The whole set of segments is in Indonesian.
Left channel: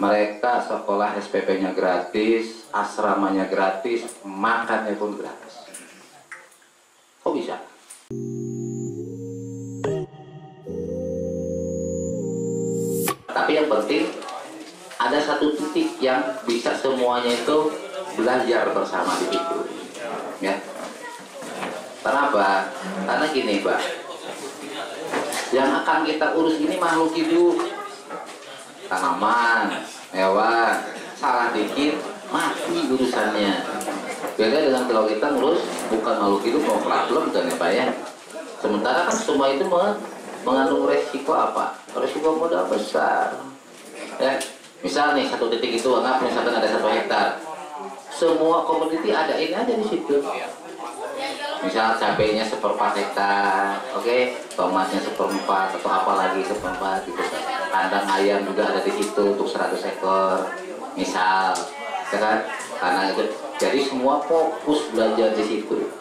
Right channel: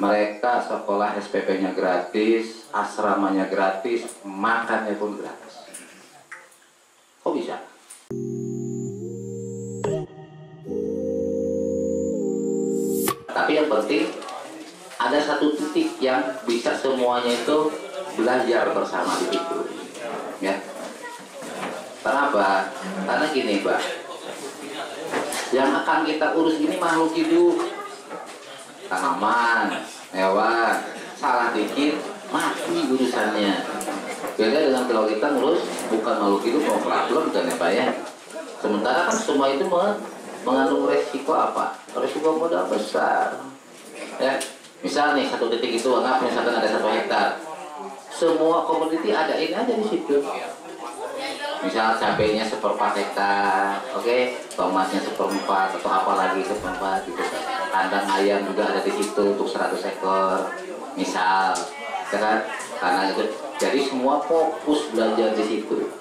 Mereka sekolah SPP-nya gratis, asramanya gratis, makannya pun gratis. Kok bisa? Tapi yang penting ada satu titik yang bisa semuanya itu belajar bersama di situ, ya. Kenapa? Karena gini, Pak, yang akan kita urus ini makhluk hidup, tanaman, hewan, salah dikit mati urusannya. Beda dengan kalau kita ngurus bukan makhluk hidup, mau problem kan ya, Pak, ya. Sementara kan semua itu mengandung resiko apa? Resiko modal besar, ya. Misal nih satu titik itu anggap misalkan ada 1 hektar, semua komoditi ada ini aja di situ. Misal cabenya 1/4 hektar, oke, tomatnya 1/4 atau apa lagi 1/4 gitu. Kandang ayam juga ada di situ untuk 100 ekor, misal, ya kan? Karena itu, jadi semua fokus belajar di situ.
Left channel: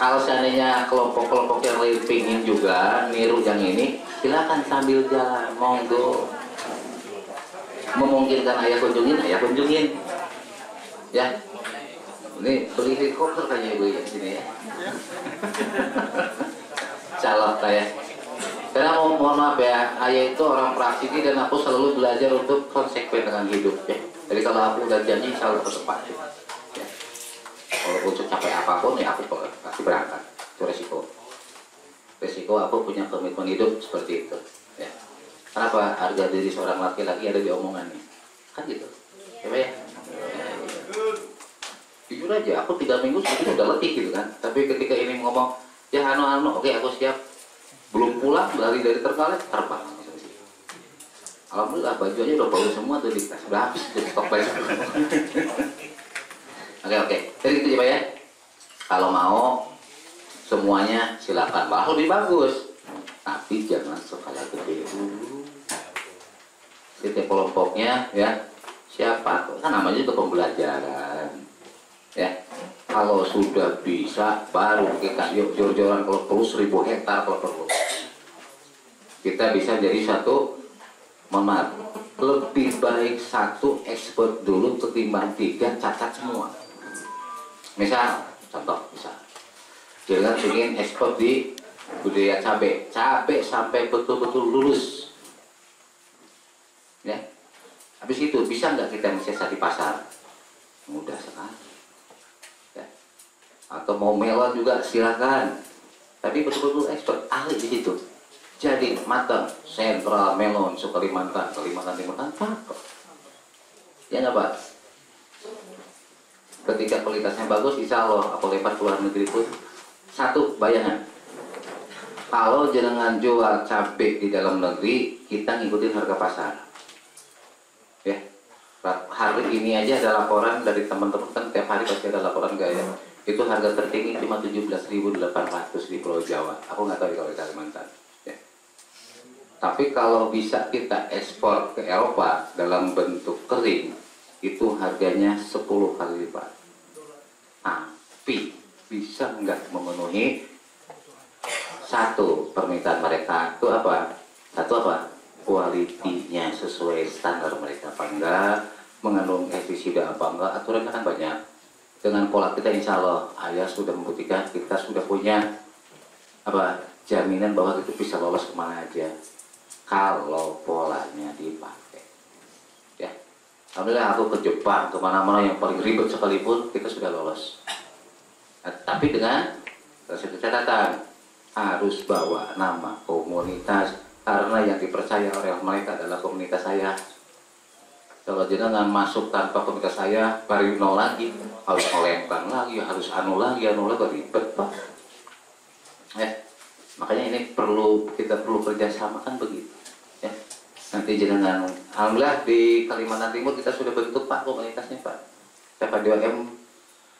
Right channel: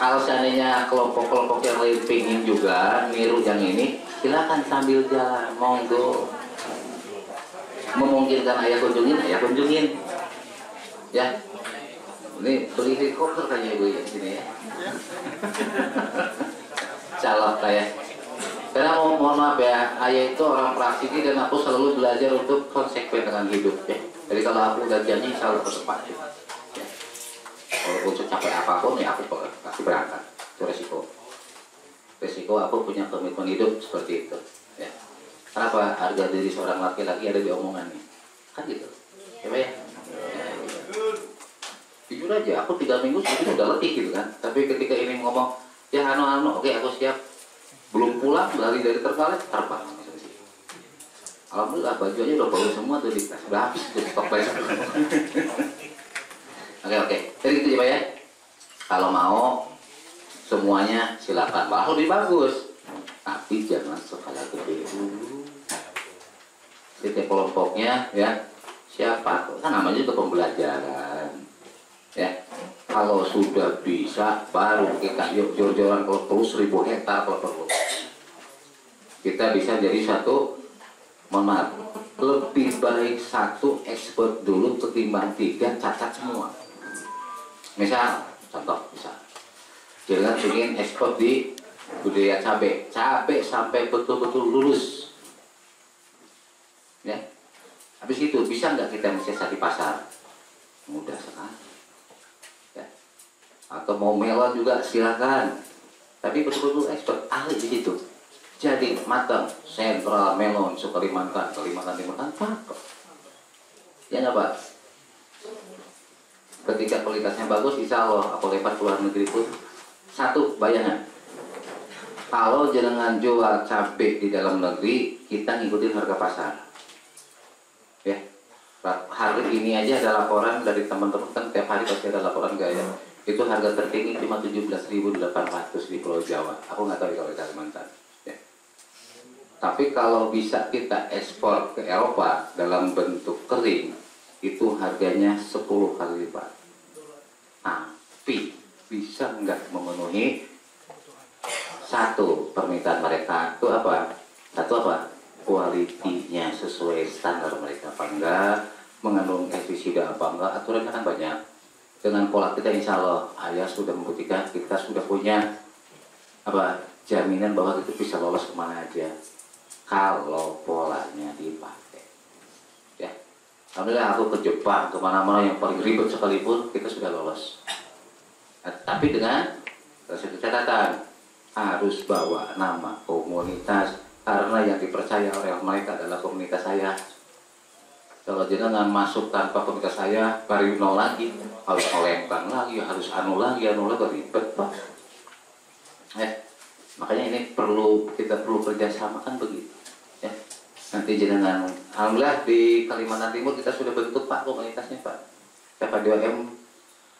Kalau seandainya kelompok-kelompok yang lain pingin juga niru yang ini, silakan sambil jalan, monggo. Memungkinkan ayah kunjungin, ya. Ini beli helikopter kayaknya ibu ya sini ya. Calon kayak. Karena mohon maaf ya, ayah itu orang praktisi dan aku selalu belajar untuk konsekuen dengan hidup ya. Jadi kalau aku udah janji selalu tepat. Ya. Walaupun secapek apapun ya aku pasti berangkat. Itu resiko. Resiko aku punya komitmen hidup seperti itu. Ya. Kenapa harga diri seorang laki-laki ada di omongannya? Kan gitu. Ya Pak ya? Jujur aja, aku 3 minggu sebetulnya udah letih gitu kan. Tapi ketika ini ngomong, ya oke aku siap. Belum pulang, dari Terenggalek, terbang. Alhamdulillah baju aja udah bau semua tuh di tas. Udah habis tuh stok baju. Oke. Jadi gitu Pak ya. Kalau mau semuanya silakan. Malah lebih bagus. Tapi jangan skala gede dulu. Setiap kelompoknya ya siapa? Kan namanya itu pembelajaran. Ya, kalau sudah bisa baru kita yuk jor-joran kalau perlu 1000 hektar kalau perlu. Kita bisa jadi satu, mohon maaf, lebih baik satu ekspor dulu ketimbang 3 cacat semua. Misal, contoh misal, jangan ingin ekspor di budaya cabai sampai betul-betul lulus. Ya, habis itu bisa nggak kita mensiasat di pasar? Mudah sekali. Atau mau melon juga silakan, tapi betul-betul expert ahli di situ. Jadi matang sentral melon Kalimantan Timur cakep. Ya nggak Pak? Ketika kualitasnya bagus, insya Allah aku lempar ke luar negeri pun. Satu bayangan, kalau jenengan jual cabai di dalam negeri, kita ngikutin harga pasar. Ya, hari ini aja ada laporan dari teman-teman, kan tiap hari pasti ada laporan gaya. Itu harga tertinggi cuma 17.800 di Pulau Jawa. Aku nggak tahu kalau di Kalimantan. Ya. Tapi kalau bisa kita ekspor ke Eropa dalam bentuk kering, itu harganya 10 kali lipat. Tapi bisa nggak memenuhi satu permintaan mereka? Itu apa? Satu apa? Kualitinya sesuai standar mereka apa enggak? Mengandung pestisida apa enggak? Aturannya kan banyak. Dengan pola kita insya Allah ayah sudah membuktikan kita sudah punya apa jaminan bahwa itu bisa lolos kemana aja kalau polanya dipakai. Ya, alhamdulillah aku ke Jepang kemana-mana yang paling ribet sekalipun kita sudah lolos. Nah, tapi dengan satu catatan, harus bawa nama komunitas karena yang dipercaya oleh mereka adalah komunitas saya. Kalau jenengan masuk tanpa komunitas saya, baru nol lagi, harus melempar lagi, harus anu lagi ribet Pak. Makanya ini kita perlu kerjasama kan begitu. Ya. Nanti jenengan, alhamdulillah di Kalimantan Timur kita sudah bentuk Pak komunitasnya Pak. KPDOM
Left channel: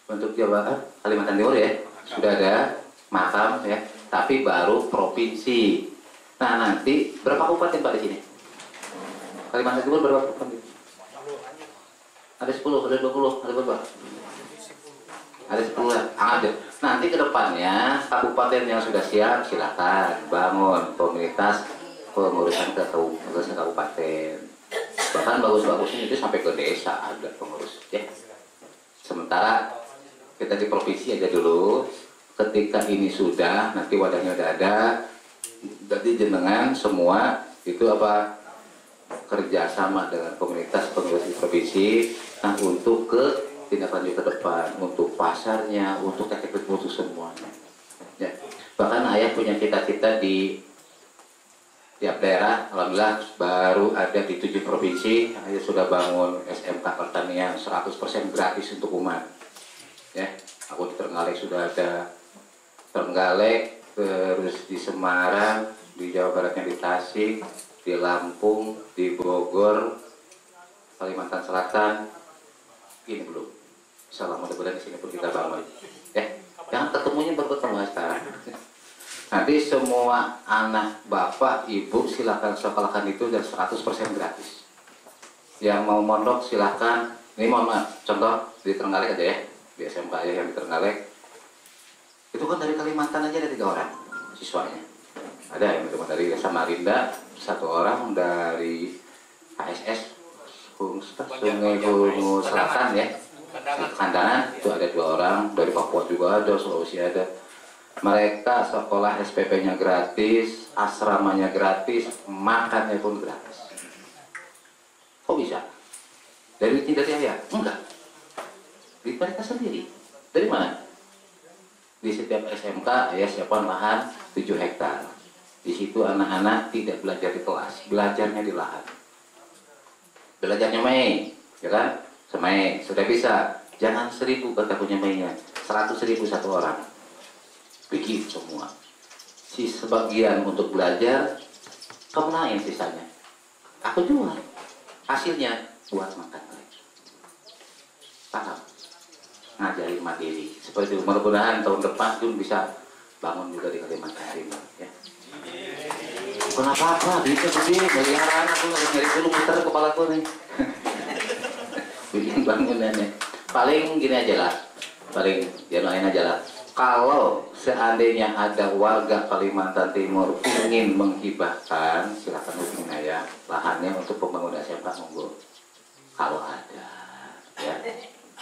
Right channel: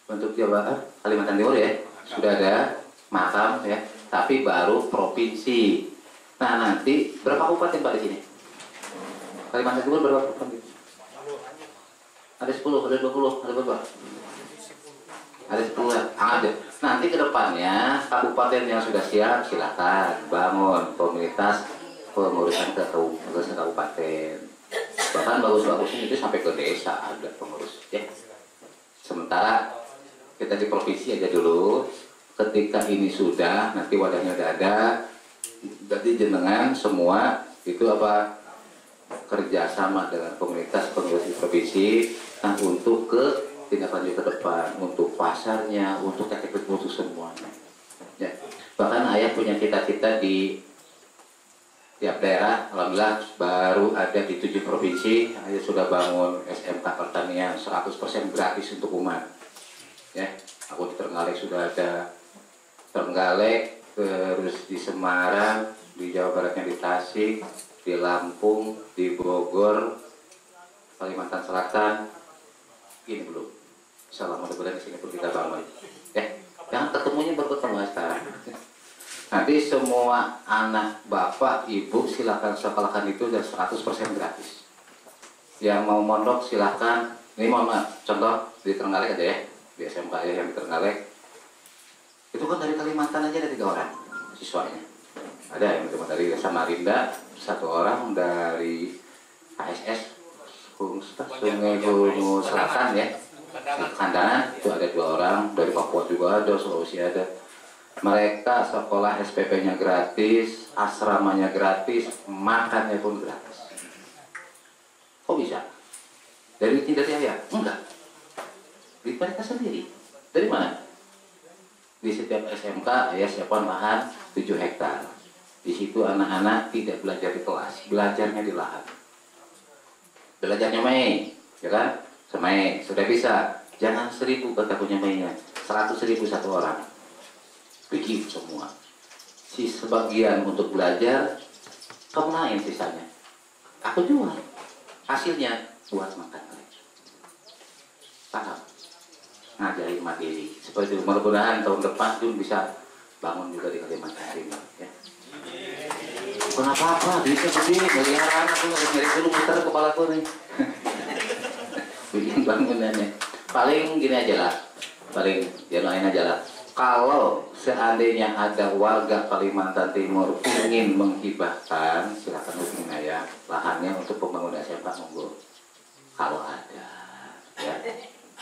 bentuk Jawa Kalimantan Timur ya, sudah ada makam ya, tapi baru provinsi. Nah nanti berapa kabupaten Pak di sini? Kalimantan Timur berapa kabupaten? Ada 10, ada 20, ada berapa? Ada 10 ya? Ada. Nanti ke depannya kabupaten yang sudah siap silakan bangun komunitas pengurusan kabupaten. Bahkan Bahkan bagus-bagusnya itu sampai ke desa ada pengurus ya. Sementara kita di provinsi aja dulu, ketika ini sudah nanti wadahnya udah ada, jadi jenengan semua itu apa kerjasama dengan komunitas pengurus di provinsi, nah untuk ke tindak lanjut ke depan, untuk pasarnya, untuk teknik untuk semuanya. Ya. Bahkan ayah punya cita-cita di tiap daerah, alhamdulillah baru ada di 7 provinsi, ayah sudah bangun SMK pertanian 100% gratis untuk umat. Ya, aku di Trenggalek sudah ada Trenggalek, terus di Semarang, di Jawa Baratnya di Tasik, di Lampung, di Bogor, Kalimantan Selatan, ini belum. Insyaallah mudah-mudahan di sini pun kita bangun. Ya, jangan ketemunya bertemu sekarang. Nanti semua anak bapak, ibu silakan sekolahkan itu dan 100% gratis. Yang mau mondok silakan. Ini mohon maaf, contoh di Trenggalek aja ya, di SMK ya yang di Trenggalek. Itu kan dari Kalimantan aja ada 3 orang siswanya. Ada yang cuma dari Samarinda, 1 orang dari KSS Sungai Bungu Selatan ya. Kandangan itu ada 2 orang, dari Papua juga ada, Sulawesi ada. Mereka sekolah SPP-nya gratis, asramanya gratis, makannya pun gratis. Kok bisa? Dari ayah? Enggak. Dari mereka sendiri. Dari mana? Di setiap SMK ayah siapkan lahan 7 hektar. Di situ anak-anak tidak belajar di kelas, belajarnya di lahan. Belajarnya main, ya kan? Semai, sudah bisa. Jangan 1000 kata punya mainnya, 100.000 1 orang. Begitu semua. Si sebagian untuk belajar, kamu naik sisanya. Aku jual. Hasilnya buat makan mereka. Paham? Ngajarin mandiri. Seperti itu. Mudah-mudahan tahun depan Jun bisa bangun juga di Kalimantan Timur. Ya. Bukan apa-apa, duitnya gede, miliaran. Aku nggak nyari dulu muter kepala aku nih. Bikin bangunannya. Paling gini aja lah. Paling januain aja lah. Kalau seandainya ada warga Kalimantan Timur ingin menghibahkan, silakan hubungin ayah lahannya untuk pembangunan SMK monggo. Kalau ada, ya,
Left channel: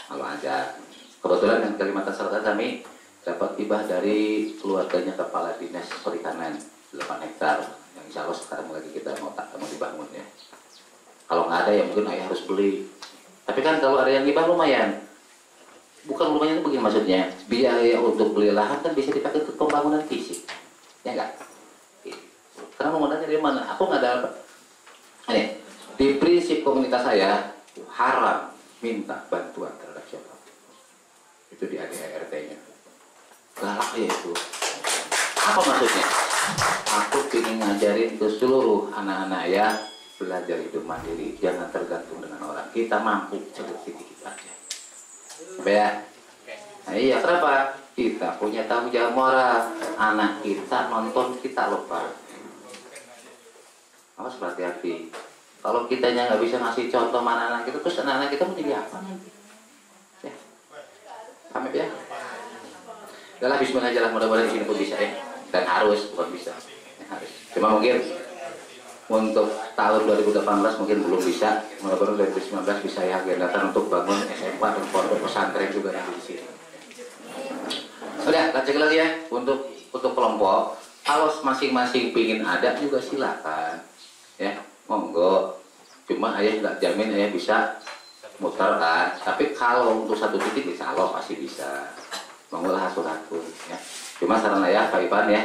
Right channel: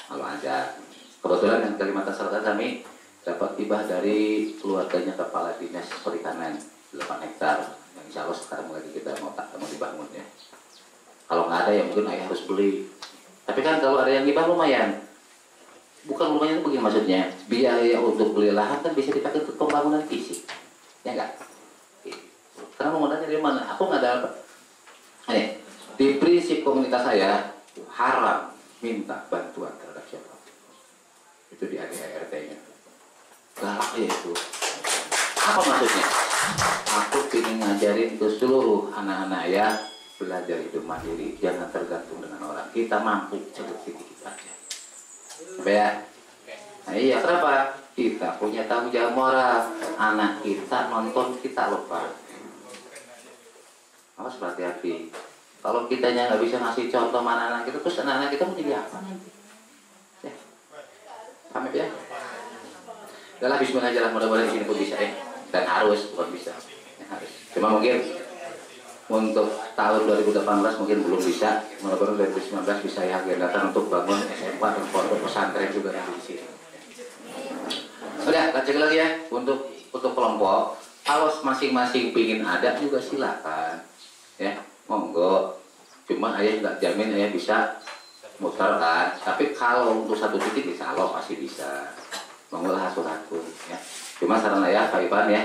kalau ada. Kebetulan yang Kalimantan Selatan kami dapat hibah dari keluarganya Kepala Dinas Perikanan 8 hektar. Yang insya Allah sekarang lagi kita mau dibangun ya. Kalau nggak ada ya mungkin ayah harus beli. Tapi kan kalau ada yang hibah lumayan. Bukan lumayan itu begini maksudnya, biaya untuk beli lahan kan bisa dipakai untuk pembangunan fisik, ya enggak? Karena mau modalnya dari mana? Aku nggak ada apa. Ini di prinsip komunitas saya haram minta bantuan terhadap siapa. Itu di ADART-nya. Galak ya itu. Apa maksudnya? Aku ingin ngajarin ke seluruh anak-anak ya belajar hidup mandiri, jangan tergantung dengan orang. Kita mampu sedikit aja. Ya. Nah, iya, kenapa? Kita punya tanggung jawab moral. Anak kita nonton kita lupa. Awas berhati-hati. Kalau kitanya nggak bisa ngasih contoh mana anak kita, terus anak-anak kita mau jadi apa nanti? Ya. Paham ya? Udah bismillah aja lah, mudah-mudahan di sini pun bisa ya. Dan harus, bukan bisa. Ya, harus. Cuma mungkin untuk tahun 2018 mungkin belum bisa, mudah-mudahan 2019 bisa ya agendakan untuk bangun SMK dan pondok pesantren juga nanti di sini. Udah, lanjut lagi ya untuk kelompok. Kalau masing-masing pingin ada juga silakan, ya monggo. Cuma ayah nggak jamin ayah bisa muter kan. Tapi kalau untuk satu titik insya Allah pasti bisa. Monggo lah atur-atur ya. Cuma saran ayah Pak Ipan ya.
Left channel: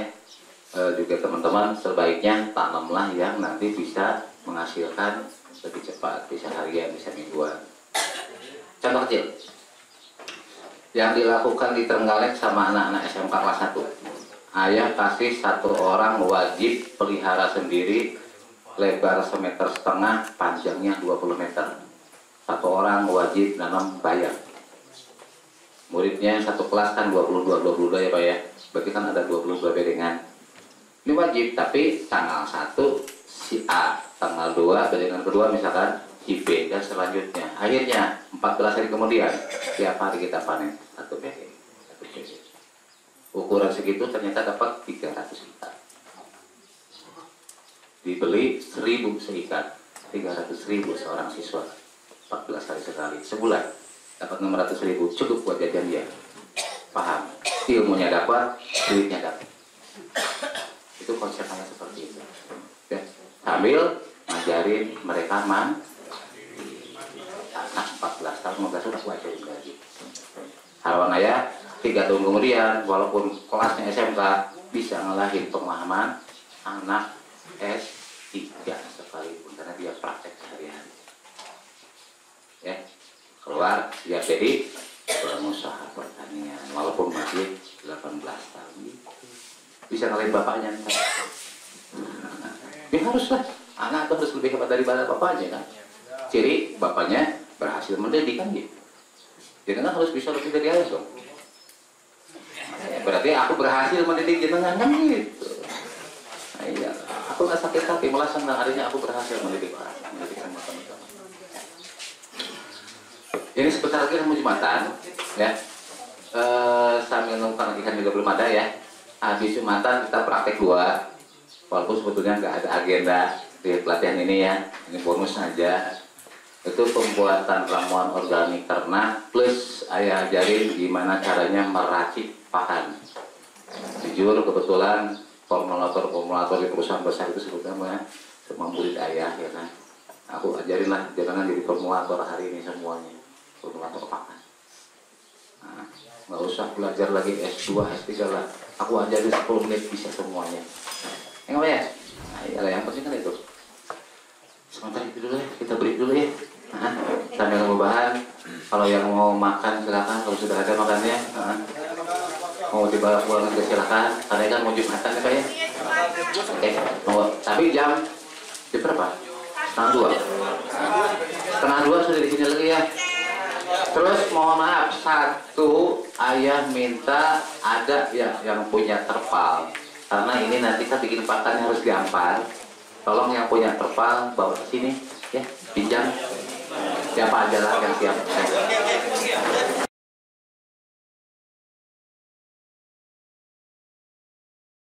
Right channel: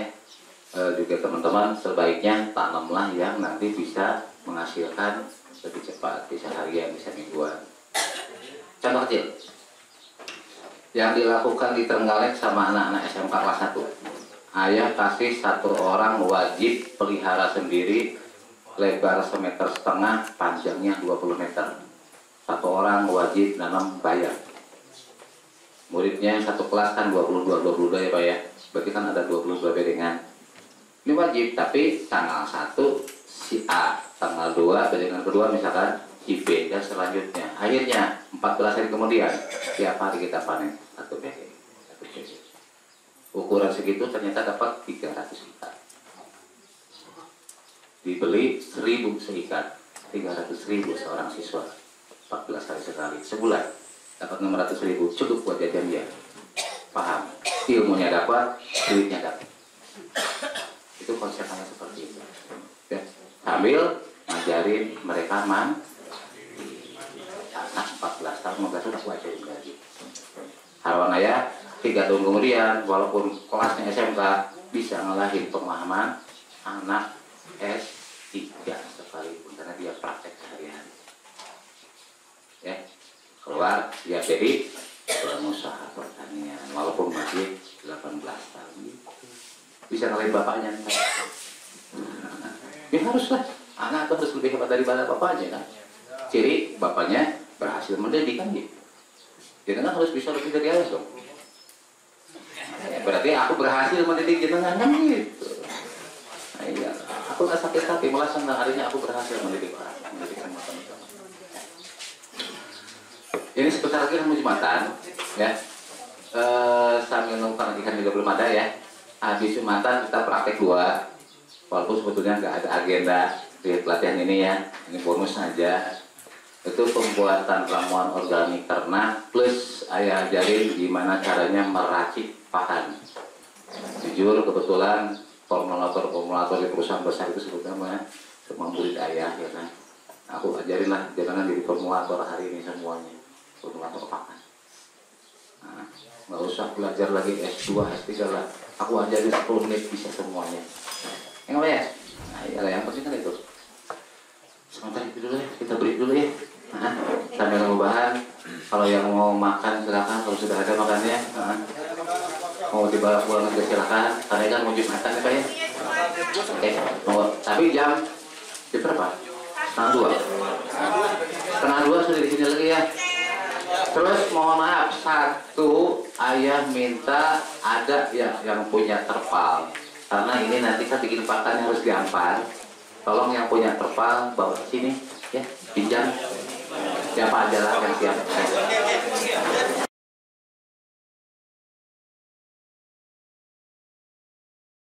Juga teman-teman sebaiknya tanamlah yang nanti bisa menghasilkan lebih cepat, bisa harian, bisa mingguan. Contoh kecil yang dilakukan di Trenggalek sama anak-anak SMK kelas 1. Ayah kasih 1 orang wajib pelihara sendiri, lebar 1,5 meter, panjangnya 20 meter. 1 orang wajib nanam bayar. Muridnya satu kelas kan 22 ya Pak ya. Berarti kan ada 22 bedengan. Ini wajib, tapi tanggal 1 si A, tanggal 2 bedengan kedua misalkan si B, dan selanjutnya. Akhirnya 14 hari kemudian tiap hari kita panen satu bedeng. Ukuran segitu ternyata dapat 300 ikat. Dibeli 1000 seikat. 300.000 seorang siswa, 14 hari sekali, sebulan dapat 600.000, cukup buat jajan dia. Paham? Ilmunya dapat, duitnya dapat. Itu konsepnya seperti itu. Ya. Sambil ngajarin mereka anak 14 tahun, 15 tahun aku ajarin lagi. Harapan ayah 3 tahun kemudian, walaupun kelasnya SMK, bisa ngelahin pemahaman anak S3 sekalipun, karena dia praktek sehari-hari. Ya, keluar dia jadi pengusaha pertanian, walaupun masih 18 tahun gitu. Bisa ngelahin bapaknya ntar. Ya haruslah, anak itu harus lebih hebat daripada bapaknya kan. Ciri bapaknya berhasil mendidik kan gitu. Jenengan harus bisa lebih dari ayah dong. Berarti aku berhasil mendidik jenengan kan gitu. Nah, iya, aku nggak sakit hati, malah senang harinya aku berhasil mendidik semua teman-teman. Ini sebentar lagi mau Jumatan, ya. Sambil nunggu ikan juga belum ada ya. Habis Jumatan kita praktek 2, walaupun sebetulnya nggak ada agenda di pelatihan ini ya. Ini bonus saja. Itu pembuatan ramuan organik ternak plus ayah ajarin gimana caranya meracik pakan. Jujur kebetulan formulator di perusahaan besar itu sebetulnya semua murid ayah ya kan. Aku ajarin lah jangan jadi formulator hari ini semuanya, formulator pakan. Nah, nggak usah belajar lagi S2, S3 lah. Aku ajarin 10 menit bisa semuanya. Yang apa ya? Nah, iya, yang penting kan itu. Sebentar itu dulu ya, kita break dulu ya. Nah, sambil ngebahan, kalau yang mau makan silakan, kalau sudah ada makannya. Mau dibawa pulang juga silakan, karena kan mau Jumatan ya Pak ya. Oke, tunggu. Tapi jam berapa? Setengah dua sudah di sini lagi ya. Terus mohon maaf, satu ayah minta ada yang punya terpal, karena ini nanti kan bikin pakannya harus gampang. Tolong yang punya terpal bawa ke sini ya, pinjam. Siapa aja lah yang siap.